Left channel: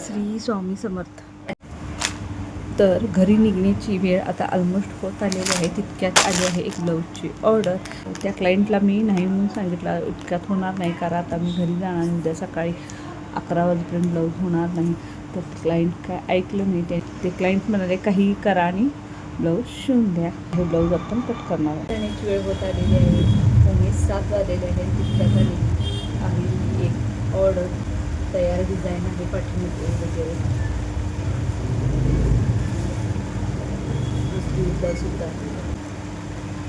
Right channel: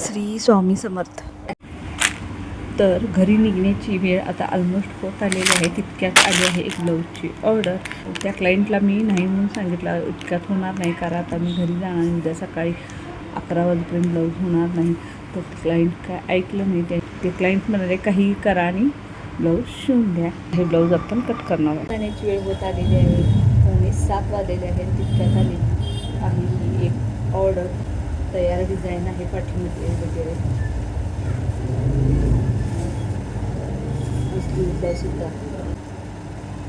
श्री स्वामी समर्थ. तर घरी निघण्याची वेळ आता ऑलमोस्ट होत आलेली आहे. तितक्यात आली आहे एक ब्लाऊजची ऑर्डर त्या क्लायंटला मी नाही म्हणून सांगितलं इतक्यात होणार नाही कारण आता मी घरी जाणार उद्या सकाळी अकरा वाजेपर्यंत ब्लाऊज होणार नाही. तर क्लायंट काय ऐकलं नाही ते. ते क्लायंट म्हणाले काही करा आणि ब्लाऊज शिवून द्या. हे ब्लाऊज आपण कट करणार आहोत. जाण्याची वेळ होत आलेली आहे. पावणे सात वाजलेले आहे तितक्यात आली. आम्ही एक ऑर्डर तयार डिझाईन आहे पाठीमध्ये वगैरे. सुद्धा.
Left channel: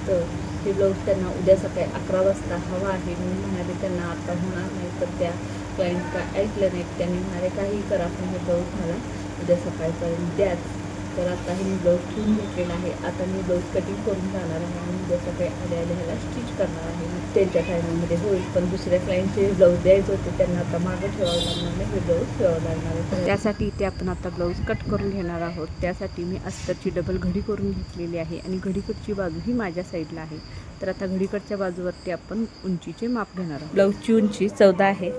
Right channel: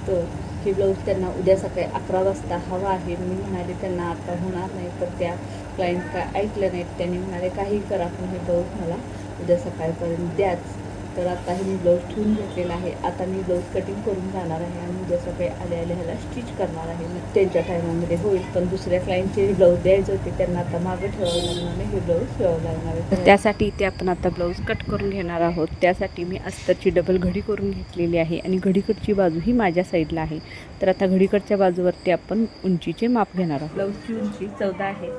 तर हे ब्लाऊज त्यांना उद्या सकाळी अकरा वाजता हवा आहे. मी म्हणाले त्यांना आता होणार नाही तर त्या क्लायंट काय ऐकलं नाहीत त्यांनी म्हणाले काही करा पण हे ब्लाऊज मला उद्या सकाळपर्यंत द्याच. तर आता हे मी ब्लाऊज ठेवून घेतलेला आहे. आता मी ब्लाऊज कटिंग करून जाणार आहे आणि उद्या सकाळी आले आले ह्याला स्टिच करणार आहे. त्यांच्या टायमामध्ये होईल पण दुसऱ्या क्लायंटचे ब्लाऊज द्यायचे होते त्यांना आता मागं ठेवावं लागणार नाही हे ब्लाऊज ठेवावं लागणार आहे. त्यासाठी ते आपण आता ब्लाऊज कट करून घेणार आहोत. त्यासाठी मी अस्तरची डबल घडी करून घेतलेली आहे आणि घडीकडची बाजू ही माझ्या साईडला आहे. तर आता घडीकडच्या बाजूवरती आपण उंचीचे माप घेणार आहोत. ब्लाऊजची उंची चौदा आहे.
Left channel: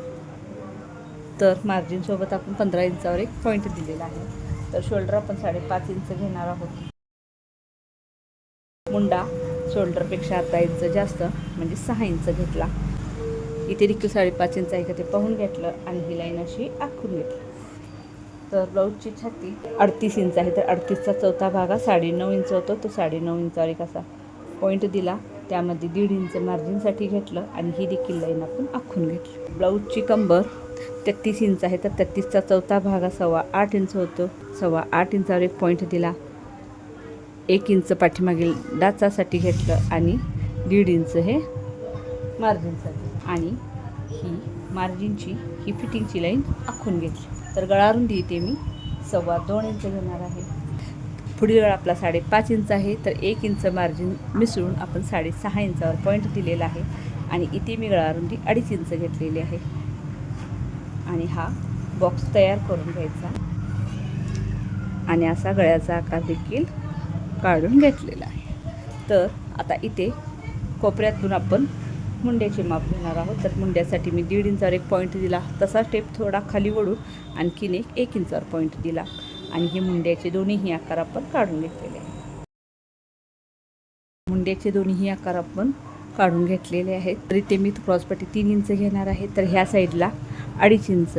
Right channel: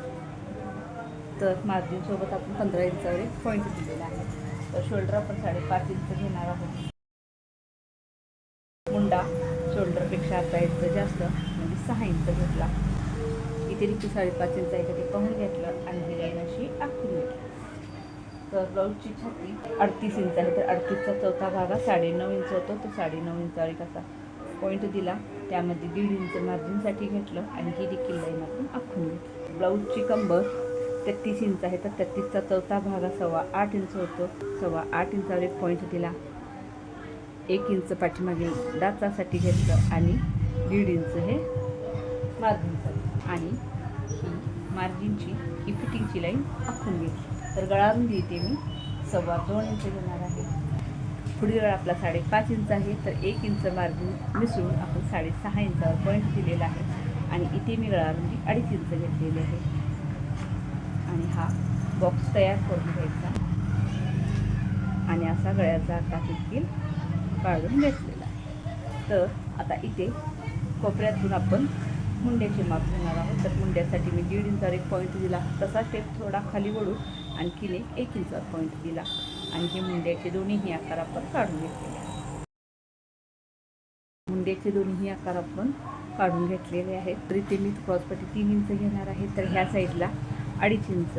तर मार्जिनसोबत आपण पंधरा इंचावर एक पॉईंट दिलेला आहे. तर शोल्डर आपण साडेपाच इंच घेणार आहोत. मुंडा शोल्डरपेक्षा अर्धा इंच जास्त म्हणजे सहा इंच घेतला. इथे देखील साडेपाच इंच आहे का ते पाहून घेतलं आणि ही लाईन अशी आखून घेतली. तर ब्लाऊजची छाती अडतीस इंच आहे तर अडतीसचा चौथा भाग हा साडेनऊ इंच होतो. तो साडेनऊ इंचावर एक असा पॉईंट दिला. त्यामध्ये दीड इंच मार्जिनसाठी घेतलं आणि ही देखील लाईन आपण आखून घेतली. ब्लाऊजची कंबर तेहतीस इंच आहे. तर तेहतीसचा चौथा भाग हा सव्वा आठ इंच होतो. सव्वा आठ इंचावर एक पॉईंट दिला. एक इंच पाठीमागील डाचासाठी घेतलं आणि दीड इंच हे मार्जिनसाठी आणि ही मार्जिनची ही फिटिंगची लाईन आखून घेतली. तर गळारून देते मी. सव्वा दोन इंच घेणार आहे. पुढील गळा आपला साडेपाच इंच आहे. तर एक इंच मार्जिन मिसळून आपण साडेसहा इंचावर पॉईंट दिलेला आहे. आणि इथे मी गळारुंदी अडीच इंच घेतलेली आहे. आणि हा बॉक्स तयार करून घ्यायचा. आणि असा गळ्याचा आकार देखील काढून घेतलेला आहे. तर आता इथे कोपऱ्यातून आपण मुंड्याचे माप घेणार आहोत. तर मुंड्यासाठी मी दीड इंचावर एक पॉईंट दिला. तसा स्टेप थोडा खाली वळून आणखीन एक एक इंचावर पॉईंट दिला. आणि हे मुंड्याचे दोन्हीही आकार आपण काढून घेतलेले आहेत. मुंड्याचे दोन्हीही आकार आपण काढून घेतलेले आहेत. तर इथे मी क्रॉसपट्टी तीन इंच घेणार आहे. तर ह्या साईडला अडीच इंच.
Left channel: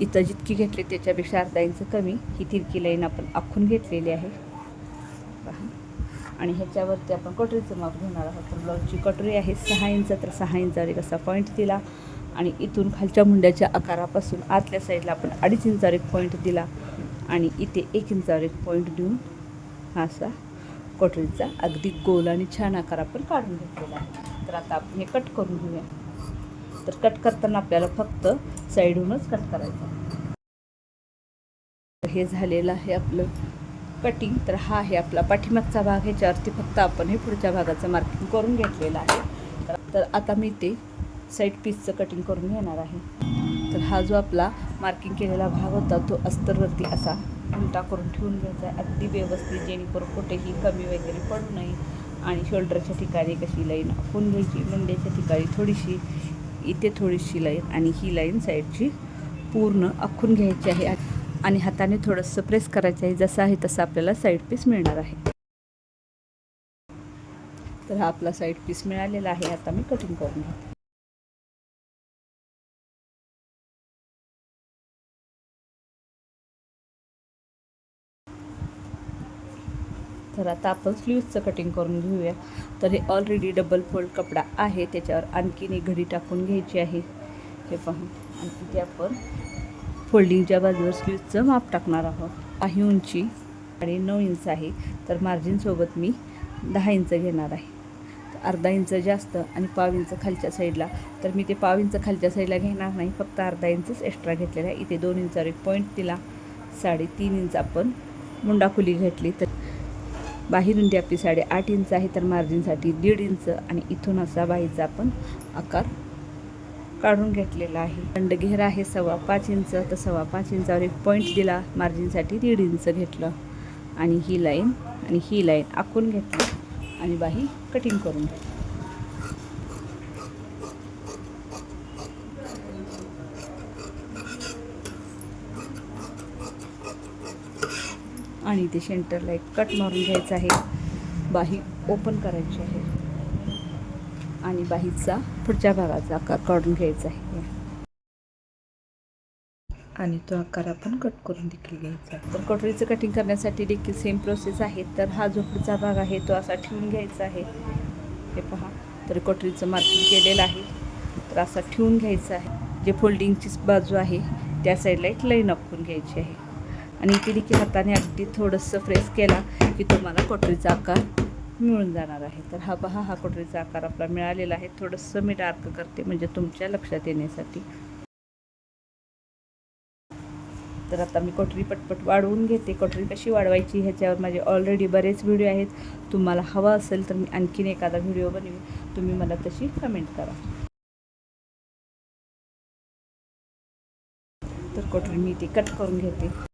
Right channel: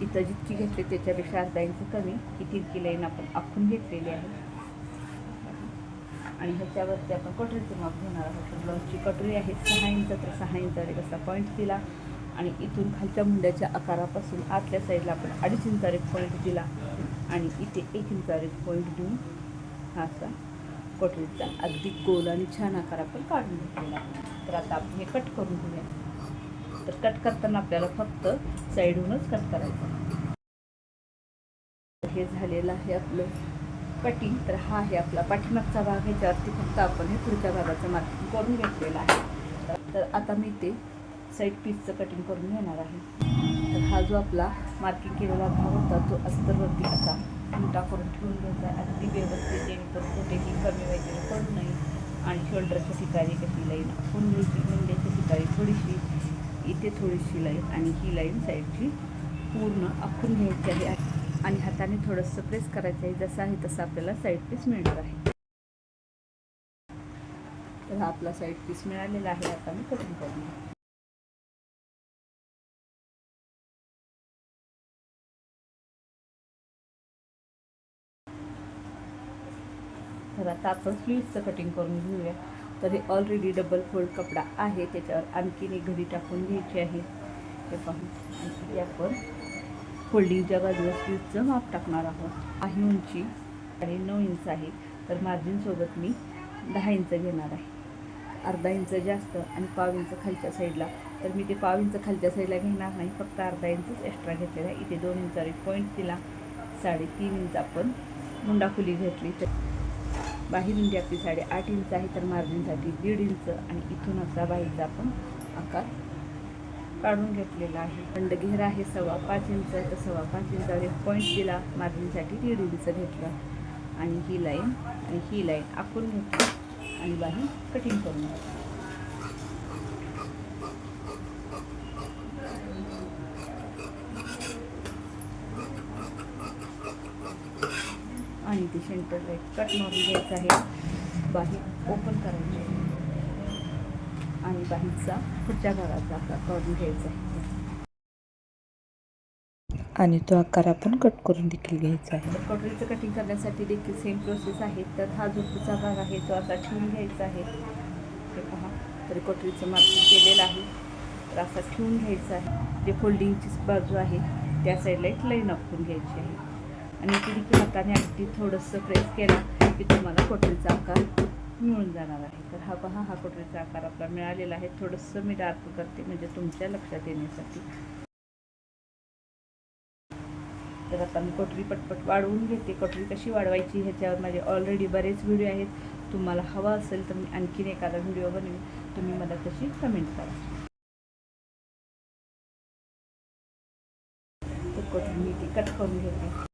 इथं जितकी घेतली त्याच्यापेक्षा अर्धा इंच कमी. ही तिरकी लाईन आपण आखून घेतलेली आहे. आणि ह्याच्यावरती आपण कटोरीचं माप घेणार आहोत. ब्लाऊजची कटोरी आहे सहा इंच. तर सहा इंचावर एक असा पॉईंट दिला. आणि इथून खालच्या मुंड्याच्या आकारापासून आतल्या साईडला आपण अडीच इंचावर एक पॉईंट दिला. आणि इथे एक इंचावर एक पॉईंट देऊन हा असा कटोरीचा अगदी गोल आणि छान आकार आपण काढून घेतलेला आहे. तर आता आपण हे कट करून घेऊया. तर कट करताना आपल्याला फक्त साईडहूनच कट करायचं हे झालेलं आहे आपलं कटिंग तर हा आहे आपला पाठीमागचा भाग ह्याच्यावरती फक्त आपण हे पुढच्या भागाचं मार्किंग करून घेतलेलं आहे. तर- आता मी ते साईड पीसचं कटिंग करून घेणार आहे. तर हा जो आपला मार्किंग केलेला भाग होता तो अस्तरवरती असा उलटा करून ठेवून घ्यायचा आहे. अगदी व्यवस्थित जेणेकरून कुठेही कमी वगैरे पडू नये. आणि शोल्डरच्या ठिकाणी कशी लाईन आखून घ्यायची मुंड्याच्या ठिकाणी थोडीशी इथे थोडीशी लाईन आणि ही लाईन साईडची पूर्ण आखून घ्यायची आहे. आणि हाताने थोडंसं प्रेस करायचं आहे. जसं आहे तसं आपल्याला साईड पीस मिळणार आहे. तर हा आपला साईड पीस मिळालेला आहे. आता मी कटिंग करून घेते. तर आता आपण स्लीव्सचं कटिंग करून घेऊया. तर हे ऑलरेडी डबल फोल्ड कपडा आहे. त्याच्यावर आणखीन एक घडी टाकून घ्यायची आहे. हे पाहून. आणि तिथे आपण फोल्डिंगच्या बाजूवर स्लीव्सचं माप टाकणार आहोत. काही उंची आणि नऊ इंच आहे. तर मार्जिनसोबत मी दहा इंच घेणार आहे. अर्धा इंच जास्त आणि पाव इंच खालच्या साईडला. तर मी ते पाव इंच खालच्या साईडला घेणार नाही. फक्त अर्धा इंचच एक्स्ट्रा घेतलेला आहे. इथे दोन इंचावर एक पॉईंट दिला. साडेतीन इंच आपण मुंडा घेतली. तर बाहेरून रुंदी आपली साडेआठ इंच आहे तर मार्जिनसाठी दीड इंच आणि इथून असा बाहीचा आपण आकार काढून घेतलेला आहे. दंडघेर आहे सव्वा पाच इंच तर सव्वा पाच इंचावर एक पॉईंट दिला मार्जिनसाठी दीड इंच घेतलं. आणि ही लाईन आणि ही लाईन आखून घेतली आणि बाही कटिंग करून घेतली. आणि ते सेंटरला एक कट मारून घ्यायचा आहे. बाही ओपन करायची आहे. आणि बाहीचा पुढच्या भागाचा आकार काढून घ्यायचा आहे. आणि तो आकार आपण कट करून देखील घ्यायचा आहे. तर कटोरीचं कटिंग करण्यासाठी देखील सेम प्रोसेस आहे तर हा जो पुढचा भाग आहे तो असा ठेवून घ्यायचा आहे. हे पहा तर कटोरीचं मार्किंग केलेलं आहे. तर असा ठेवून घ्यायचा आहे. जे फोल्डिंगची बाजू आहे त्या साईडला एक लाईन आखून घ्यायची आहे. आणि तिडकी हाताने अगदी थोडंसं प्रेस केला की तुम्हाला कोटरीचा आकार मिळून जाणार आहे. तर हा पहा हा कोटरीचा आकार आपला मिळालेला आहे. थोडंसं मी डार्क करते म्हणजे तुमच्या लक्षात येण्यासाठी. तर आता मी कोटरी पटपट वाढवून घेते. कोटरी कशी वाढवायची ह्याच्यावर माझे ऑलरेडी बरेच व्हिडिओ आहेत. तुम्हाला हवा असेल तर मी आणखीन एखादा व्हिडिओ बनवीन. तुम्ही मला तशी कमेंट करा. तर कोटरी मी ती कट करून घेते.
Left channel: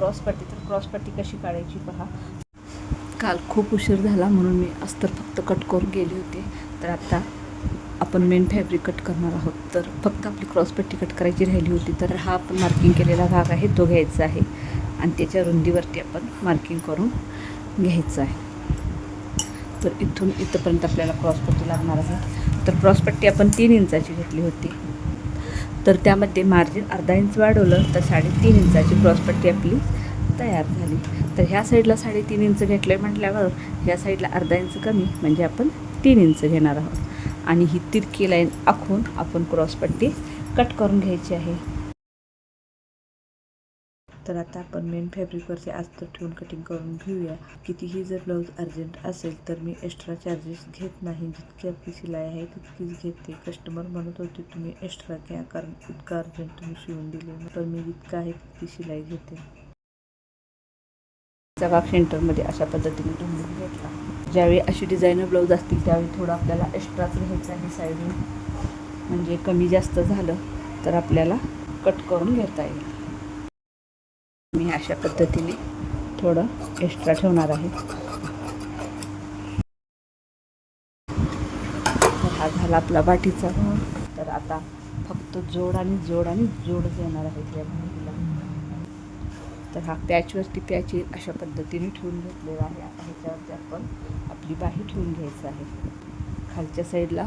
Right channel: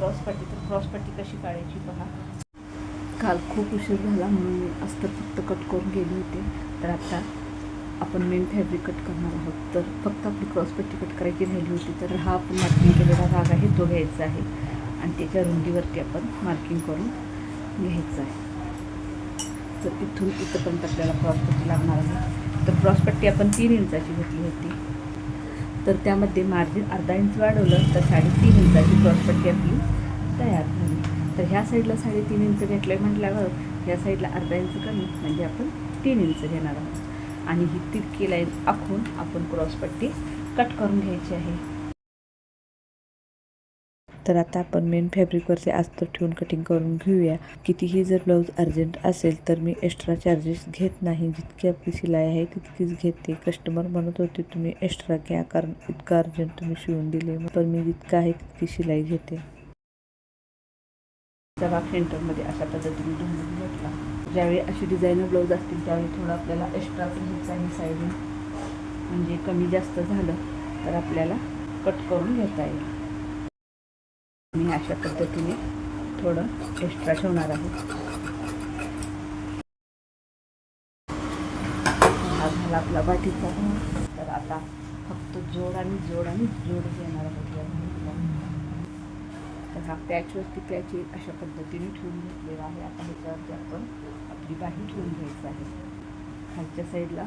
क्रॉस पट्टी तर क्रॉस पट्टी कशी काढायची पहा. काल खूप उशीर झाला म्हणून मी अस्तर फक्त कट करून गेले होते. तर आता आपण मेन फॅब्रिक कट करणार आहोत. तर फक्त आपली क्रॉस पट्टी कट करायची राहिली होती तर हा आपण मार्किंग केलेला भाग आहे तो घ्यायचा आहे. आणि त्याच्या रुंदीवरती आपण मार्किंग करून घ्यायचं आहे. तर इथून इथंपर्यंत आपल्याला क्रॉस पट्टी लागणार आहे. तर क्रॉस पट्टी आपण तीन इंचाची घेतली होती. तर त्यामध्ये मार्जिन अर्धा इंच वाढवलं तर साडेतीन इंचाची क्रॉसपट्टी आपली तयार झाली. तर ह्या साईडला साडेतीन इंच घेतलं आहे म्हटल्यावर ह्या साईडला अर्धा इंच कमी म्हणजे आपण तीन इंच घेणार आहोत. आणि ही तिरकी लाईन आखून आपण क्रॉसपट्टी कट करून घ्यायची आहे. तर आता आपण मेन फॅब्रिकवरचे अस्तर ठेवून कटिंग करून घेऊया. कितीही जर ब्लाऊज अर्जंट असेल तर मी एक्स्ट्रा चार्जेस घेत नाही. जितकी आपली शिलाई आहे तितकीच घेते. कस्टमर म्हणत होते तुम्ही एक्स्ट्रा घ्या कारण इतकं अर्जंट तुम्ही शिवून दिले. पण मी जितकं आहे तितकी शिलाई घेते. भाग सेंटरमध्ये अशा पद्धतीने घेतला. ज्यावेळी अशी डिझायनर ब्लाऊज असतील त्यावेळी थोडं आपल्याला एक्स्ट्राच घ्यायचं आहे साईडने. म्हणजे कमी जास्त झालं तर आपल्याला कट करून घेता येईल. मी अशा पद्धतीने थोडं एक्स्ट्रा ठेवणार आहे. हा झाला आपला बाटीचा तर आता फक्त जोड आणि जोड आणि जोड घेणार आहे तर हा पॅचवरती पॅच अशा पद्धतीने ठेवून घेतलेला आहे. आता ह्याच्यावरती आपण आपली बाही ठेवून घ्यायचं आहे. खालच्या साईडला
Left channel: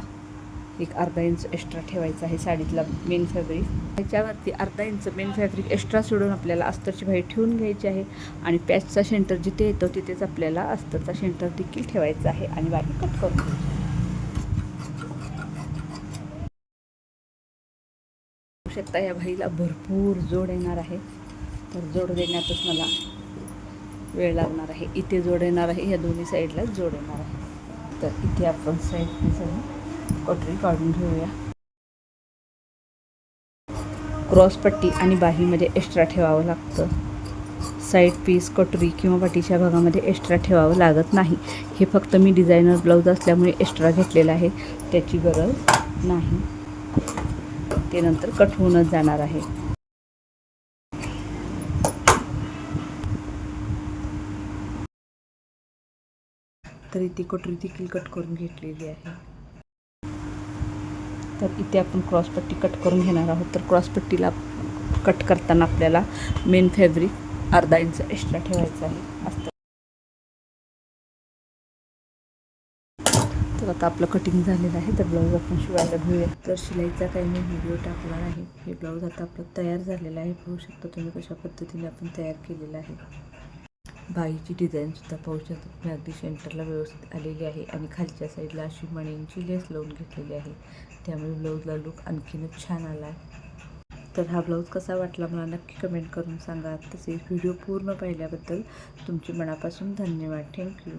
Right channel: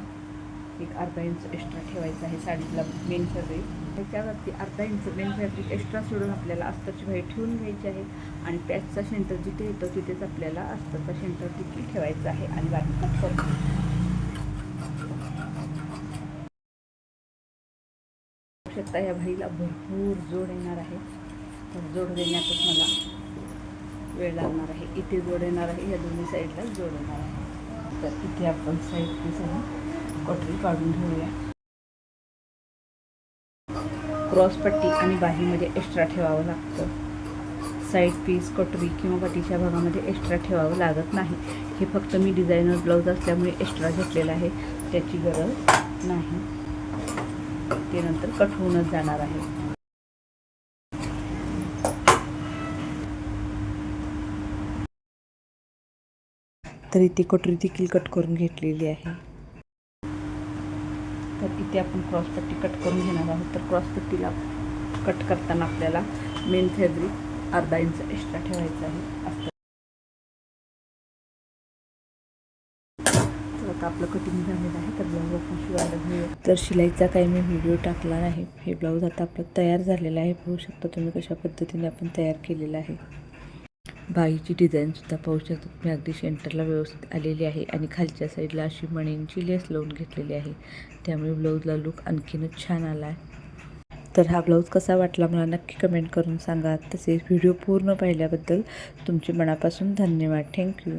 एक अर्धा इंच एक्स्ट्रा ठेवायचं आहे साडीतला मेन फॅब्रिक ह्याच्यावरती अर्धा इंच मेन फॅब्रिक एक्स्ट्रा सोडून आपल्याला अस्तरची भाई ठेवून घ्यायची आहे आणि पॅचचा सेंटर जिथे येतो तिथेच आपल्याला अस्तरचा सेंटर देखील ठेवायचा आहे आणि वाट कट करू शकता या भाईला भरपूर जोड येणार आहे. तर जोड देण्यातच मला वेळ लागणार आहे. इथे जोड येणार आहे. या दोन्ही साईडला जोड येणार आहे. तर इथे आपण साईड पीस पटरी काढून ठेवूया. क्रॉस पट्टी आणि बाहीमध्ये एक्स्ट्रा ठेवावं लागतं. साईड पीस कटोरी किंवा पट्टीच्या भागामध्ये एक्स्ट्रा ठेवावं लागत नाही. हे फक्त मी डिझायनर ब्लाऊज असल्यामुळे एक्स्ट्रा घेतलेलं आहे. त्याची गरज नाही. ते नंतर कट होऊनच जाणार आहे. तरी ती कटोरी देखील कट करून घेतलेली आहे. तर इथे आपण क्रॉसपट्टी कट करून घेणार आहोत. तर क्रॉसपट्टीला कट करताना आपल्याला मेन फॅब्रिक अर्धा इंच एक्स्ट्रा ठेवायचं आहे. असतं तर आता आपलं कटिंग झालेलं आहे. तर ब्लाऊज आपण शिवायला घेऊया. तर शिलाईचा काही मी व्हिडिओ टाकला नाही हे ब्लाऊज आता आपलं तयार झालेलं आहे. पाहू शकता तुम्ही कशा पद्धतीने आपण तयार केलेलं आहे. बाईची डिझाईनसुद्धा पाहू शकता. तुम्ही अगदी सेंटरला व्यवस्थित आलेली आहे आणि खालच्या साईडला अशी मणींची लेस लावून घेतलेली आहे. त्यामुळे ब्लाऊजला लुक आणखीनच छान आला आहे. तर हा ब्लाऊज कसा वाटला मला नक्की कमेंट करून सांगा. तसेच व्हिडिओ पूर्ण पाहिल्याबद्दल तुमचे मनापासून धन्यवाद. थँक्यू